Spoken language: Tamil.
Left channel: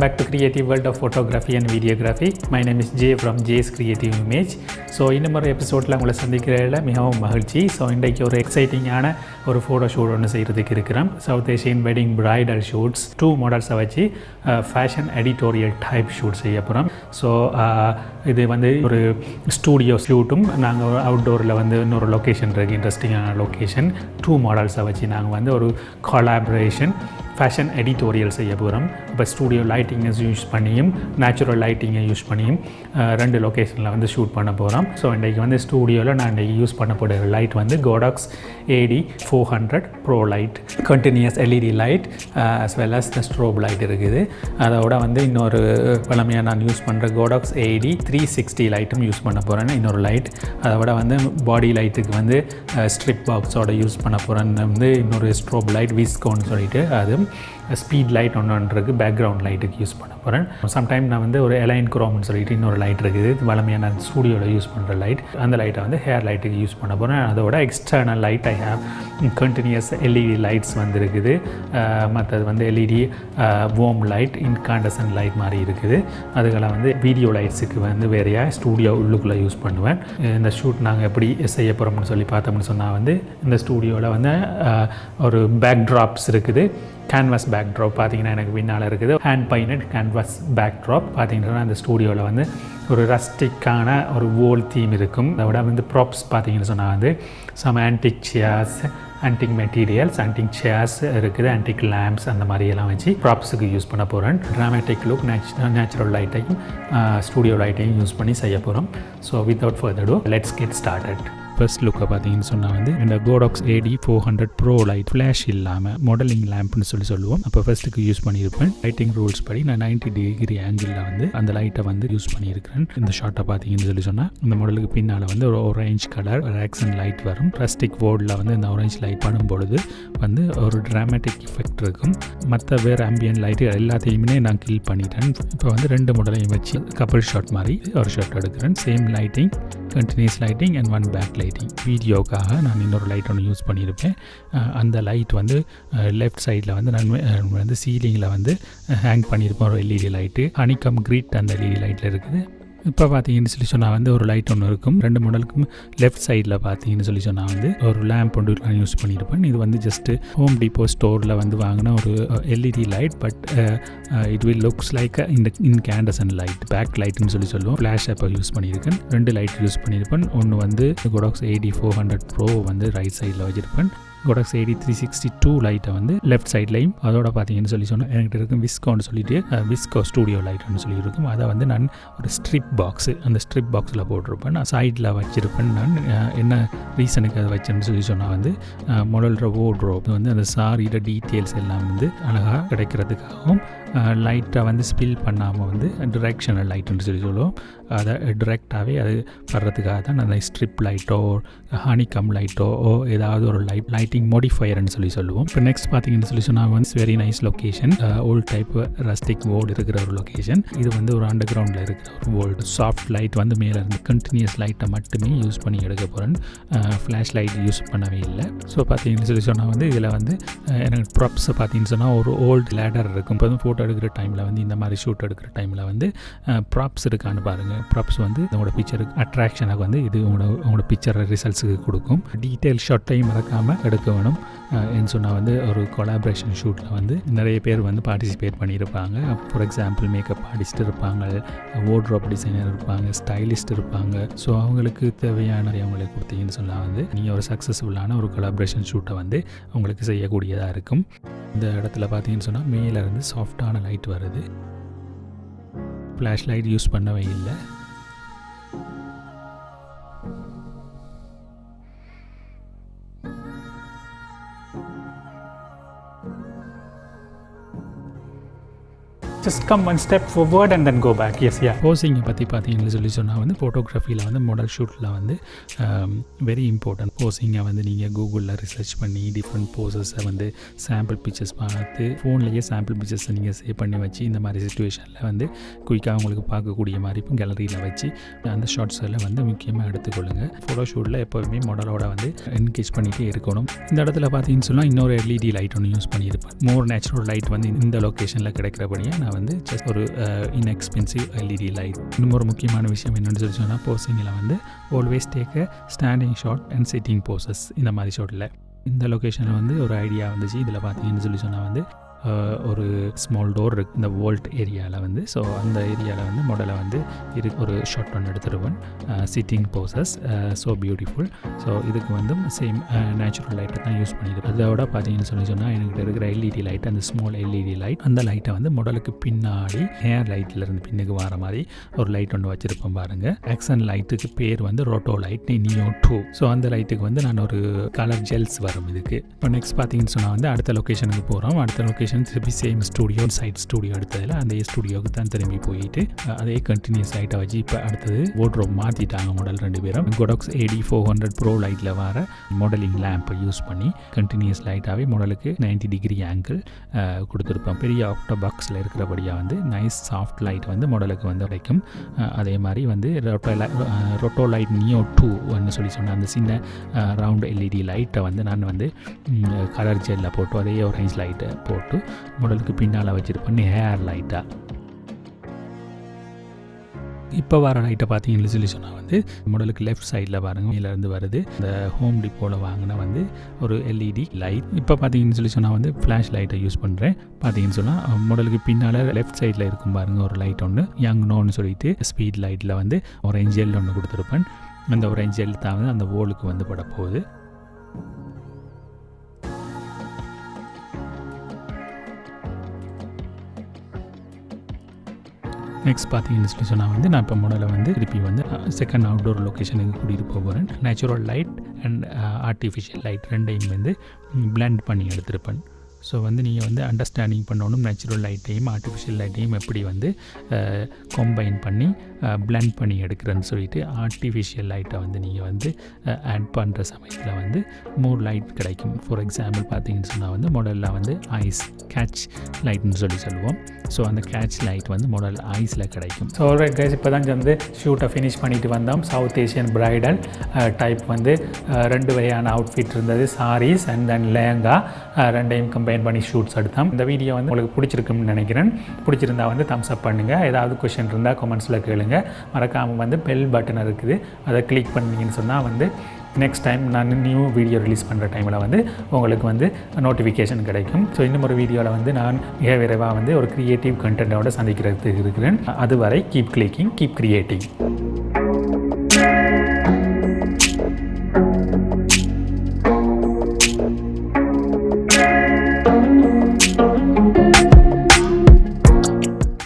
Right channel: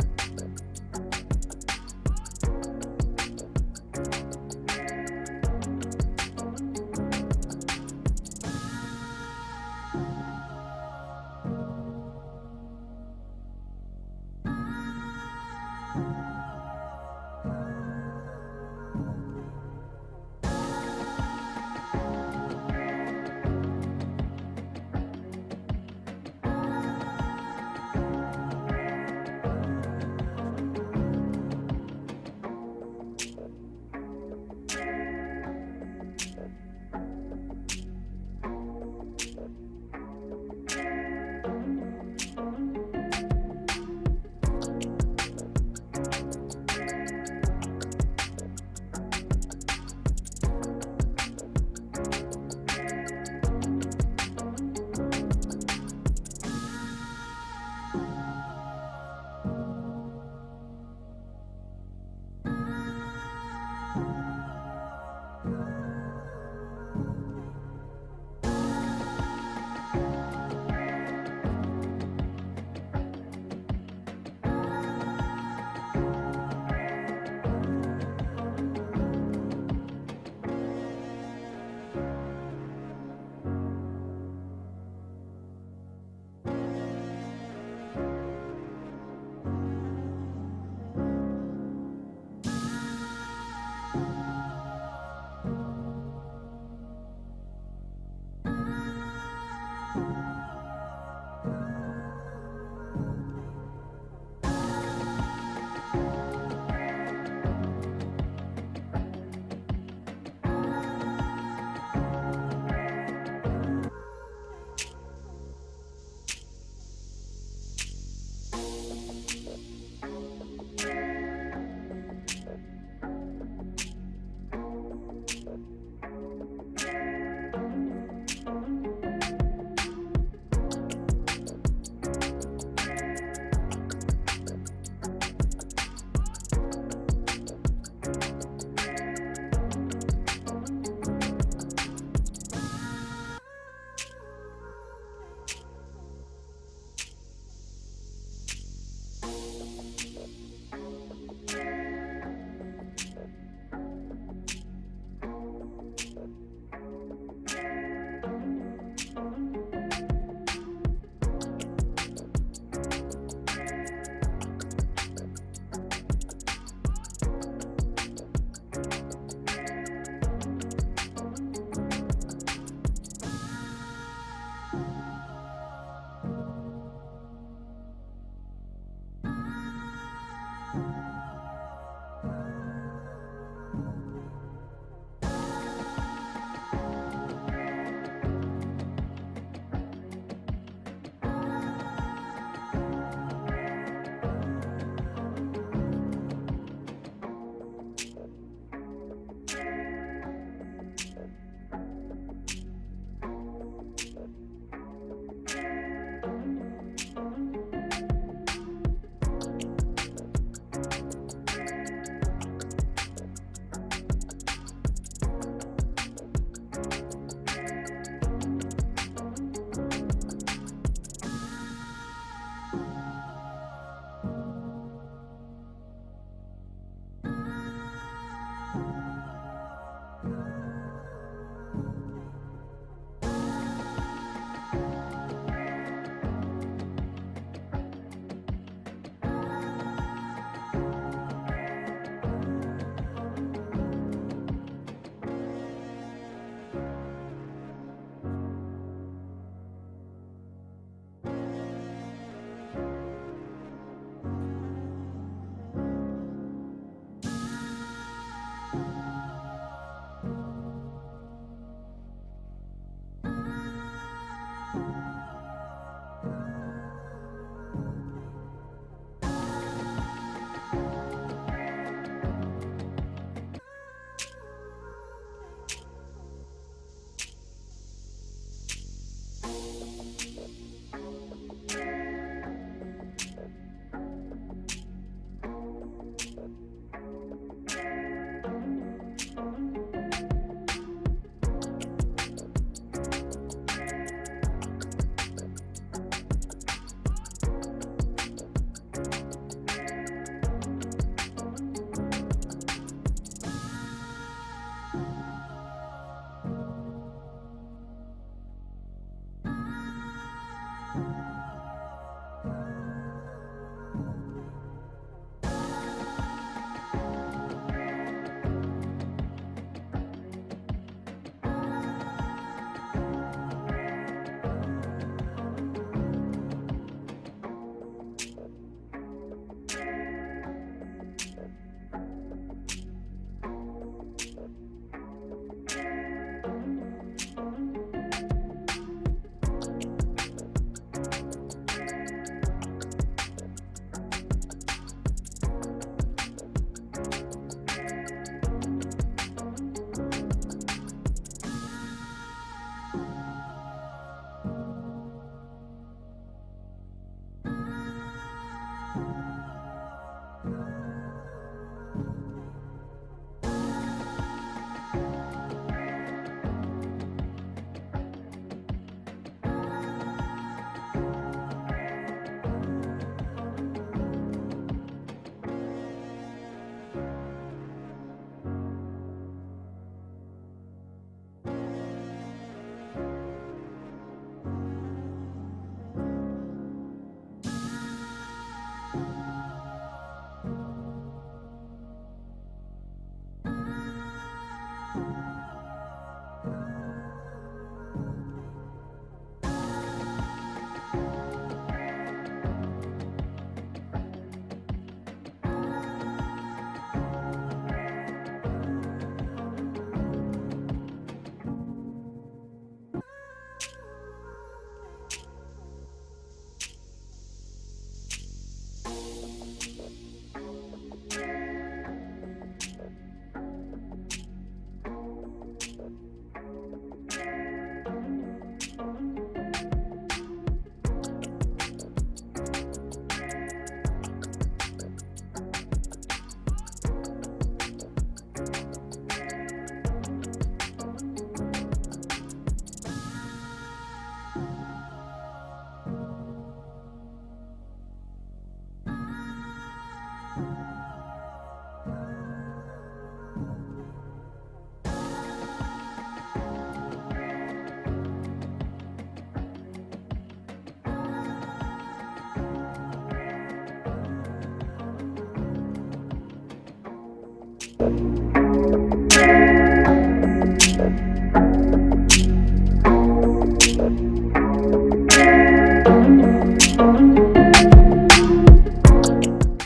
back to Creative World of Photography and Videography. My name is Jay from Jay's Creative Image. So இன்னொரு எபிசோடில் உங்களை சந்திக்கிறதில் மிகவும் மகிழ்ச்சி. ஸோ இன்றைக்கு ஒரு எக்ஸைட்டிங்கான ஒரு ஃபோட்டோ ஷூட் ஒன்று செய்கிறதுக்கு இருக்கிறோம். South Asian wedding bridal shoots 2 மாடல்ஸை வச்சு ஃபேஷன் எடிட்டோரியல் டைப் ஷூட் செய்ய போகிறோம். ஸோ இது வந்து ஒரு ஸ்டூடியோ ஷூட்டும் நாங்கள் அவுட்டோரில் வந்து இன்னொரு லொக்கேஷன் இருக்குது, இன்ட்ரெஸ்டிங்கான லொக்கேஷன். 2 மாடல்ஸை வச்சு நாங்கள் வந்து ஒரு கொலாபரேஷன் ஃபேஷன் எடிட்டோரியல் செய்ய போகிறோம். இப்போ ஸ்டூடியோ லைட்டிங்கை யூஸ் பண்ணியும் நேச்சுரல் லைட்டிங்கை யூஸ் பண்ணியும் 2 லொக்கேஷனில் வந்து ஷூட் பண்ண போகிறோம். ஸோ இன்றைக்கி வந்து ஸ்டூடியோவில் நான் இன்றைக்கி யூஸ் பண்ணப்படுற லைட் வந்து Godox AD400 Pro light, continuous LED light as well as the strobe light இருக்குது. அதோட வந்து இன்னொரு பழமையாக நான் யூஸ் பண்ணுற Godox AD360 லைட்டும் யூஸ் பண்ண போகிறேன், இன்னொரு லைட். அதோட வந்து பாடி லைட்டுக்கு வந்து ஸ்ட்ரிப் பாக்ஸோட யூஸ் பண்ண போகிறேன்னு வந்து இன்னொரு ஸ்ட்ரோப் லைட் விஸ்கோன்னு சொல்லிட்டு அது Sppedlight ஒன்று இருக்குது, பேக்ரவுண்ட் லைட்டுக்கு யூஸ் பண்ண போகிறேன். சம்டைம் நான் வந்து ஒரு எலைன் குரோம்னு சொல்லிட்டு இன்னொரு லைட் இருக்குது, வளமையாக நான் ஸ்டூடியோவில் யூஸ் பண்ணுற லைட். அந்த லைட்டை வந்து ஹேர் லைட்டுக்கு யூஸ் பண்ண போகிறேன். அதோட external light continuous LED lights வந்து இருக்குது. மற்றது வந்து LED warm light, incandescent light மாதிரி இருக்குது. அதுக்கெல்லாம் வந்து வீடியோ லைட்ஸுக்கு வந்து வேறையாக ஸ்டூடியோ உள்ளுக்குள்ளே யூஸ் பண்ணுவேன். இந்த ஷூட் நாங்கள் எப்படி செய்ய போகிறோம்னு சொல்லி பார்த்தோம்னு சொன்னால் வந்து இந்த ஸ்டூடியோவில் வந்து ஒரு பேக் ட்ராப்ஸ் இருக்குது. கேன்வாஸ் பேக் ட்ராப் பார்த்தீங்கன்னா எனக்கு பின்னால் இருக்குது. Hand painted canvas backdrop பார்த்தீங்கன்னா அந்த ஸ்டூடியோவில் வந்து ஒரு ரஸ்டிக்கான ஒரு வோல் தீம் இருக்கும். அதோட வந்து ப்ராப்ஸ் பார்த்தீங்கன்னு சொன்னால் வந்து some antique chairs, antique materials, antique chairs இருக்குது, ஆன்டிக் லேம்ப்ஸ் அந்த மாதிரியெல்லாம் வச்சு ப்ராப்ஸுக்கு யூஸ் பண்ண போகிறேன். ட்ராமேட்டிக் லுக், நேச்சுரல் லைட்டையும் ஸ்டூடியோ லைட்டையும் யூஸ் பண்ணி செய்ய போகிறோம். So without further ado let's get started. First லுக்கை பார்த்தீங்கன்னு சொன்னால் வந்து இந்த Godox AD400 Pro light flash இல்லாமல் மாடலிங் லேம்ப்னு சொல்லுவோம். அப்போ ஃபர்ஸ்ட்டுக்கு யூஸ் பண்ணியிருப்பேன். லைட்டிங் ரூல்ஸ் படி நான் 90 டிகிரி ஆங்கிளில் வந்து அந்த லைட்டை வந்து யூஸ் பண்ணியிருக்கிறேன். இந்த ஷார்ட்டை பார்த்தீங்கன்னு சொன்னால் இந்த மாடலுக்கு பின்னால் வந்து ஒரு ஆரஞ்ச் கலர் ஆக்சன் லைட் வரும். பிளாஸ்டிக் போர்டில் வந்து இந்த ஆரஞ்ச் லைட் பண்ணும் பொழுது வந்து ஒரு ட்ராமேட்டிக் எஃபெக்ட் இருக்கும். மற்ற வேறு ஆம்பியன் லைட்டு எல்லாத்தையுமே நான் கில் பண்ணிட்டேன். இப்போ வந்து 2 மாடலையும் வச்சு கப்பிள் ஷாட் மாதிரி ஒரு ஷாட் எடுக்கிறேன். Same lighting, continuous lighting and 1 back lighting. வீடியோக்காக நான் இன்னொரு லைட் ஒன்று யூஸ் பண்ணியிருப்பேன். அந்த லைட் வந்து லெஃப்ட் சைடில் வந்து நான் வந்து சீலிங்கில் வந்து ஹேங் பண்ணியிருப்பேன். ஒரு LED லைட்டு ஹனிகம் கிரிட் அந்த LED லைட்டில் இருக்குது. இப்போ பார்த்தீங்கன்னு சொல்லி சொன்னால் வந்து ஒரு லைட் ஒன்று இருக்கும். 2 மாடலுக்கும் லெஃப்ட் சைடில் பார்த்தீங்கன்னு சொல்லி சொன்னால் வந்து ஒரு லேம்ப் ஒன்று நான் யூஸ் பண்ணியிருப்பேன். இது வந்து ஜஸ்ட்டு ஹோம் டிப்போ ஸ்டோரில் வந்து வாங்கின ஒரு LED light. But it will looks like incandescent light, back லைட்னு சொல்லுவோம். ஃப்ளாஷ் அப்போ யூஸ் பண்ணியிருக்கேன். 2 லைட் யூஸ் பண்ணியிருப்பேன். ஒன்று வந்து Godox AD400 Pro வந்து ரைட் சைடில் வச்சுருப்பேன். Godox AD362 லைட்டை வந்து லெஃப்ட் சைட்லையும் அதோட பார்த்தீங்கன்னு சொல்லி சொன்னால் என்கிட்ட இருக்கும் விஸ்கோன்னு சொல்லிட்டு விஸ்கோ ஸ்டூடியோ லைட்னு சொல்லியிருக்கும். அதை வந்து நான் ஒரு ஸ்ட்ரிப் பாக்ஸு, அந்த ஸ்ட்ரிப் பாக்ஸில் போட்டிருப்பேன். நான் சைடில் வச்சுருப்பேன். நான் என்ன ரீசனுக்கு அதை வச்சேன்னு சொல்லி சொன்னால் வந்து மாடல்ற வார்ட்ரோப் வந்து அந்த சாரியோட டீட்டெயில்ஸ் எல்லாம் வந்து அழகாக கிடைக்கிறதுக்காகவும் லைட்டை வந்து ஸ்பில் பண்ணாமல் வந்து டிரெக்ஷனல் லைட்டுன்னு சொல்லுவோம். அதை டிரெக்டாகவே அது வர்றதுக்காக தான் அந்த ஸ்ட்ரிப் லைட்டோ ஹனிகம் லைட்டோ ஏதாவது ஒரு லைட்டிங் மோடிஃபயர்னு சொல்லுவோம். இப்போ நெக்ஸ்ட் பார்த்தீங்கன்னு சொல்லி சொன்னால் வந்து very nice location, old type rustic world இருக்கிற ஒரு லொக்கேஷன். இது வந்து ஒரு அண்டர் கிரவுண்டில் இருக்கிற ஒரு வோல்டு சாஃப்ட் லைட் வந்து மேலே இருந்து கண்டினியூஸ் லைட்டை மட்டுமே யூஸ் பண்ணி எடுக்க போகிறேன். ஃப்ளாஷ் லைட் யூஸ் பண்ணவே இல்லை. ஸோ பார்த்தீங்கன்னு சொல்லி சொன்னால் வந்து இதில் வந்து எனக்கு ப்ராப்ஸை பார்த்தீங்கன்னு சொன்னால் ஒரு ஓல்டு லேடர் இருக்கும். இப்போ வந்து ஃபோட்டோ எடுக்கிற டைமில் வந்து இந்த மாதிரி ஷூட் எடுக்கிற டைமில் வந்து ப்ராப்ஸ் இருக்கான்னு பாருங்கள். ப்ராப்ஸ் வந்து உங்களோட பிக்சருக்கு அட்ராக்ஷனாக வந்து இது உங்களோட பிக்சரை ரிசல்ட்ஸுக்கு கொடுக்கும். டீட்டெயில் ஷாட்டையும் மறக்காமல் எடுக்க வேணும். என்று சொன்னால் வந்து ஒரு கொலாபரேஷன் ஷூட்டில் வந்து நிறைய பேர் வந்து பார்ட்டிசிபேட் பண்ணியிருப்பாங்க. ஃபார் எக்ஸாம்பிள் மேக்கப் ஆர்டிஸ்ட் இருப்பாங்க, வார்ட்ரோப் டிசைனர் இருப்பாங்க, ஸ்டைலிஸ்ட் இருப்பாங்க. ஸோ அவங்களுக்கு தேவையான அவங்களுக்கு கொடுத்தீங்கன்னு சொன்னால் வந்து நீங்கள் ஒரு சக்ஸஸ்ஃபுல்லான ஒரு கொலாபரேஷன் ஷூட்டை வந்து உங்களுக்கு செய்யக்கூடியதாக இருக்கும். இந்த இடத்துல பார்த்தீங்கன்னு சொன்னால் மேலே இருந்து சாஃப்டான லைட் வருது. ஃப்ளாஷ் லைட் யூஸ் பண்ணவே இல்லை. Just come one step forward and then go back. Yes, yeah. போசிங்கை பற்றி பார்த்தீங்கன்னு சொல்லி சொன்னால் வந்து ஃபோட்டோகிராஃபியில் வந்து மாடல் ஷூட்டில் வந்து வெரி இம்பார்ட்டன்ட். போசிங்கை வந்து நீங்கள் கூகுளில் ரிசர்ச் பண்ணி டிஃப்ரெண்ட் போசஸை வந்து சாம்பிள் பிக்சர்ஸ் பார்த்து ஃபோன்லேயே சாம்பிள் பிக்சர்ஸை நீங்கள் சேவ் பண்ணி வச்சு இந்த மாதிரி சிச்சுவேஷனில் வந்து குயிக்காக உங்களுக்கு பார்க்கக்கூடிய மாதிரி கேலரியில் வச்சு அந்த ஷார்ட்ஸ் எல்லாம் வந்து முக்கியமாக எடுத்துக்கொள்ளுங்கள். ஃபோட்டோ ஷூட்டில் எப்போவுமே மாடலோட வந்து என்கேஜ் என்கேஜ் பண்ணிகிட்டே இருக்கணும். இந்த இடத்துல பார்த்தீங்கன்னு சொன்னால் இன்னொரு எல்இடி லைட் ஒன்று யூஸ் பண்ணியிருப்பேன். மோர் நேச்சுரல் லைட் வந்து இந்த லொக்கேஷனில் கிடைக்கிறபடியே நான் வந்து ஜஸ்ட் ஒரு இன்எக்ஸ்பென்சிவ் எல்இடி லைட். இன்னும் ஒரு முக்கியமான விஷயம் என்னென்னு சொல்லி சொன்னால் போசிங்கில் வந்து always take a standing shot and sitting poses. இந்த மாதிரி ஷாட்டில் இந்த லொக்கேஷனில் வந்து ஒரு ஐடியா வந்துச்சு. இதில் பார்த்தீங்கன்னு சொல்லி சொன்னால் வந்து ஒரு ஸ்மால் டோர் இருக்குது இந்த வோல்ட் ஏரியாவில் வந்து. ஸோ அந்த ஏரியாவில் வந்து மாடலை வந்து ஒரு ஷார்ட் ஒன்று எடுத்துருவேன். Sitting poses so beautiful. So இதுக்கு வந்து சேம் நேச்சுரல் லைட்டை தான் யூஸ் பண்ணியிருப்பேன். இதோட பார்த்தீங்கன்னு சொன்னால் எனக்கு இருக்கிற எல்இடி லைட், அந்த ஸ்மால் எல்இடி லைட், அந்த லைட்டை வந்து மாடலுக்கு பின்னாடி ஹேர் லைட்லேருந்து பின்னுக்கு வர மாதிரி ஒரு லைட் ஒன்று வச்சுருப்பேன் பாருங்கள். ஆக்சன் லைட்டுக்கு பேர் வந்து Rotolight Neo 2. ஸோ அந்த லைட்டுக்கு வந்து நான் ஒரு கலர் ஜெல்ஸ் வரும் இதுக்கு. இப்போ நெக்ஸ்ட் பார்த்தீங்கன்னு சொன்னால் வந்து அடுத்த லொக்கேஷனுக்கு போகிறோம். அடுத்த லொக்கேஷன் திருப்பி சேம் ஸ்டூடியோ, சைட் ஸ்டூடியோ எடுத்ததில் அந்த ஸ்டூடியோவுக்கு தான் திரும்பி போயிட்டு அதே கண்டினியூஸ் லைட்டை வச்சு இப்போ அடுத்தது வார்ட்ரோப் மாற்றிட்டாங்க மாடல் 2 பேரும். Godox AD400 Pro லைட்டில் வர மாடலிங் லேம்பை யூஸ் பண்ணி கண்டினியூஸ் லைட்டாகவே மாடலுக்கு 90 டிகிரி ஆங்கிள் கொடுத்துருப்போம். பெரிய ஆக்டோ பாக்ஸில் இருக்கிறபடியாக வந்து நைஸ் சாஃப்ட் லைட் வந்து மாடலுக்கு வந்து வரைக்கும். அதே மாதிரி வந்து Rotolight Neo 2 சொல்லி சொன்ன அந்த சின்ன ரவுண்ட் எல்இடி லைட்டை வந்து நான் வந்து கலர் ஜெல்லில் போட்டு அதே ஆரஞ்ச் லைட்டை போட்டு மாடலுக்கு பின்னால் வச்சுருப்பேன் ஹேர் லைட்டாக. இப்போ வர லைட்டை பார்த்தீங்கன்னு சொல்லி சொன்னால் வந்து மாடலுக்கு லெஃப்ட் சைடில் பாருங்கள் மேலேருந்து வருது. இந்த ஹோம் டிப்போவில் வாங்கின வந்து ஒரு எல்இடி லைட். இப்போ பார்த்தீங்கன்னு சொல்லி சொன்னால் வந்து ஃப்ளாஷ் லைட்டை யூஸ் பண்ணுறேன். பார்த்தீங்கன்னு சொன்னால் மாடலுக்கு பின்னால் லெஃப்ட் சைடில் இருக்கும் பாருங்கள் ஒரு லைட் ஒன்று Yongnuoன்னு சொல்லிட்டு Sppedlight வந்து ஆரஞ்ச் ஜெல் ஒன்று கொடுத்துருப்பேன். அந்த ஆரஞ்ச் ஜெல் தான் வந்து அந்த வோலுக்கு வந்து பட போகுது. நெக்ஸ்ட் பார்த்தீங்கன்னு சொல்லி சொன்னால் வந்து நான் இப்போ மாடலை வந்து திருப்பி வந்து செகண்ட் அவுட்டோர் லொக்கேஷனுக்கு கூட்டிகிட்டு போகிறேன். Natural light and artificial light ரெண்டையும் வந்து பிளெண்ட் பண்ணி எடுத்திருப்பேன். ஸோ வந்து நீங்கள் வந்து அண்டர்ஸ்டாண்டிங் பண்ணணும் நேச்சுரல் லைட்டையும் ஆர்டிஃபிஷியல் லைட்டையும் எப்படி வந்து கம்பைன் பண்ணி பிளெண்ட் பண்ணி எடுக்கிறேன்னு சொல்லிட்டு ஆர்டிஃபிஷியல் லைட்டை வந்து நீங்கள் வந்து ஆட் பண்ணுற சமயத்தில் வந்து மோர் லைட் கிடைக்கும். ஃபார் எக்ஸாம்பிள் பார்த்தீங்கன்னு சொன்னால் வந்து மாடலில் வந்து ஐஸ் கேட்ச் லைட்னு சொல்லுவோம். ஸோ அந்த கேட்ச் லைட் வந்து மாடல் ஐஸில் கிடைக்கும். ஸோ ஆல்ரைட் கைஸ், இப்போ தான் வந்து ஷூட்டை ஃபினிஷ் பண்ணிட்டு வந்தோம். சவுத் ஏஷியன் பிரைடல் டைப் வந்து 2 வகையான அவுட்ஃபிட் இருந்தது. சாரீஸ் அண்ட் தென் லேங்கா ரெண்டையும் கம்பைன் பண்ணி ஷூட்ஸ் எடுத்தோம். இந்த வீடியோ வந்து உங்களுக்கு பிடிச்சிருக்குன்னு நினைக்கிறேன். பிடிச்சிருந்தா வந்து தம்ஸ் அப் பண்ணுங்கள். ஏதாவது கொஷின் இருந்தால் கமெண்ட்ஸில் கேளுங்க. மறக்காமல் வந்து பெல் பட்டன் இருக்குது, அதை கிளிக் பண்ணிங்கன்னு சொன்னால் வந்து நெக்ஸ்ட் டைம் நான் நியூ வீடியோ ரிலீஸ் பண்ணுற டைமில் வந்து உங்களுக்கு வந்து நோட்டிஃபிகேஷன் கிடைக்கும். ஸோ இன்னும் ஒரு வீடியோவில் வந்து நான் மிக விரைவாக வந்து ஒரு க்ரியேட்டிவ் கண்டென்ட்டோட சந்திக்கிறதுக்கு இருக்கிறேன். அதுவரை கீப் கிளிக்கிங், கீப் கிரியேட்டிங்.